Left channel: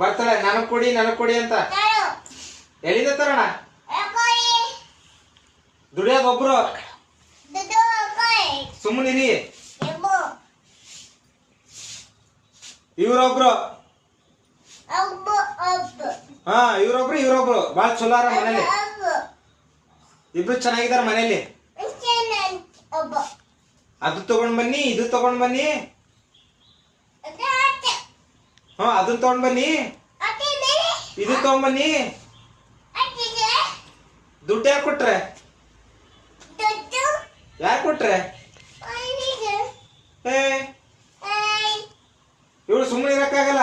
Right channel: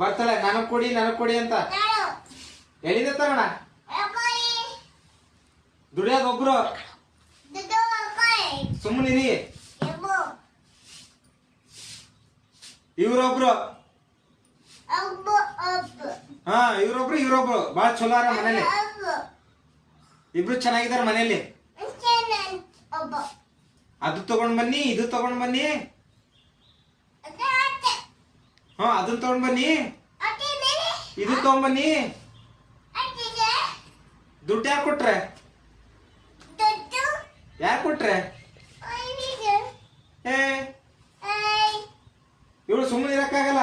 ಬರ್ತಾಳೆ ನನಗ್ ಕೊಡಿ ಅಂತ ಎಲ್ಲಿಂದ ತರೋಣ ದುಡಿಯೋದು ಒಬ್ರು ಸುಮ್ಮನಿರಿ ಇವ್ರೊಬ್ರು ಇವ್ರೊಬ್ರು ಬಾಳ ಚಲೋ ಅರ ಮನೇಲಿ ಇಬ್ರು ಚೆನ್ನಾಗಿದಾರ ಮನೇಲಿ ಅದು ತಗೊಂಡ್ ಬನ್ನಿ ಇದು ತಗೊಂಡ್ ಬನ್ನಿ ಅದನ್ನ ತಗೊಂಡ್ ಬನ್ನಿ ಇದು ತಗೊಂಡ್ ಬನ್ನಿ ದುಡ್ಡು ಯಾಕೆ ಕೊಟ್ರೆ ಇವಳು ಸುಮ್ಮನೆ ಇರಕ್ಕಾಗಲ್ಲ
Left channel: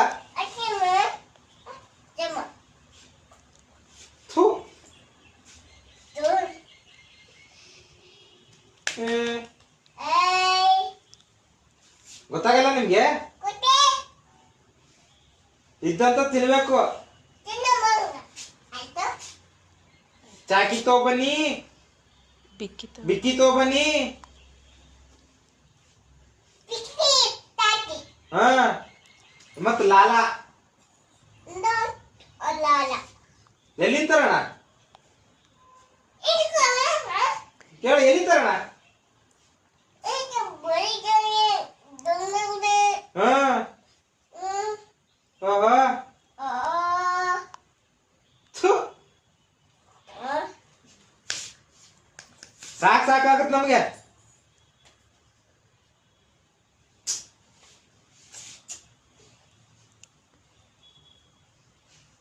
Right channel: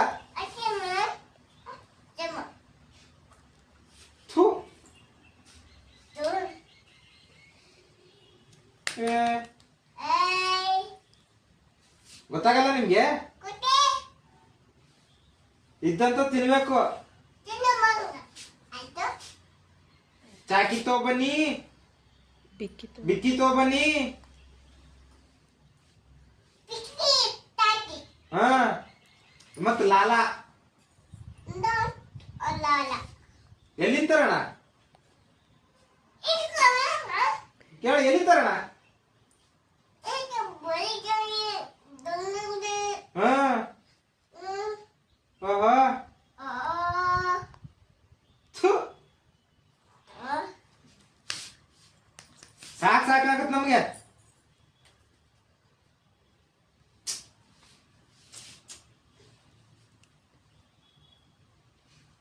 ಗೊತ್ತಾಗಲ್ಲ ನಿಮ್ಗೆ ಇದ್ದಂತ ತಿನ್ಬೇಕು ಚಾಕಿ ತಗೊಬನ್ನಿ ಬಿಕ್ಕಿ ತಗೊಬನ್ನಿ ಮತ್ ಲಾಲ ಎಲ್ಲಿಂದ ತರೋಣ ಕೇಳ ಎಲ್ಲಿ ತರೋಣ ಸಾಕಾಗತ್ ನಮ್ಗೆ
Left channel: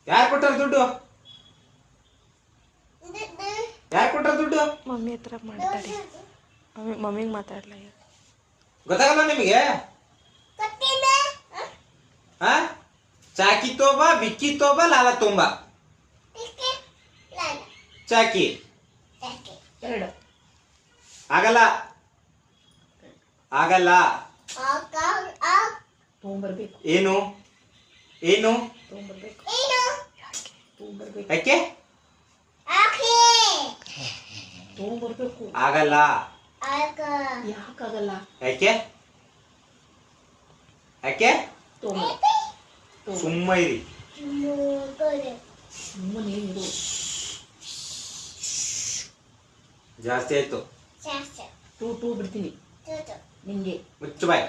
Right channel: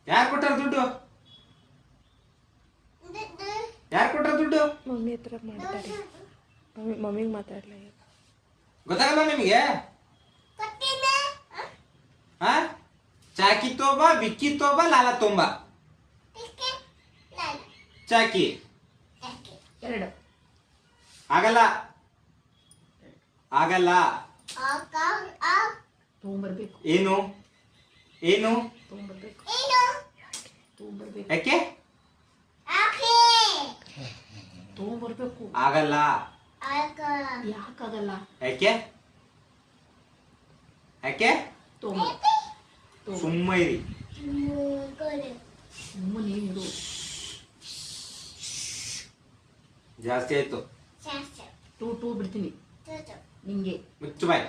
ಯಾರು ಕೊಟ್ಟಾರ ದುಡ್ಡು ಮಮ್ಮಿ ಹತ್ರ ಮಾತಾಡಿ ಮಮ್ಮಿಗೆ ಮಾತಾಡ್ಲ ಗೊತ್ತಾಗಲ್ಲ ನಿಮಗೆ ಚಾಕಿ ತೋಬ ಬಿಕ್ಕಿ ತೋಬ ಲಾಲ ತೊಂಬ ಚಾಕಿ ಎರಡು ಆಗಲ್ಲ ತಗೊಂಬರ್ಬೇಕು ಏನು ತಗೊಂಬರ್ಬೇಕು ಯಾಕೆ ತಗೊಂಬರ್ಬೇಕು ಆಗಲ್ಲ ಯಾಕಾಗಲ್ಲ ಯಾಕೆ ಸುಮ್ಮನೆ ಇರು ಜಾಸ್ತಿ ಆಯ್ತು ಟೂ ಬಿಡ್ತೀನಿ ನಿಂಗೆ ಮುಚ್ಚು ಬಾಯ್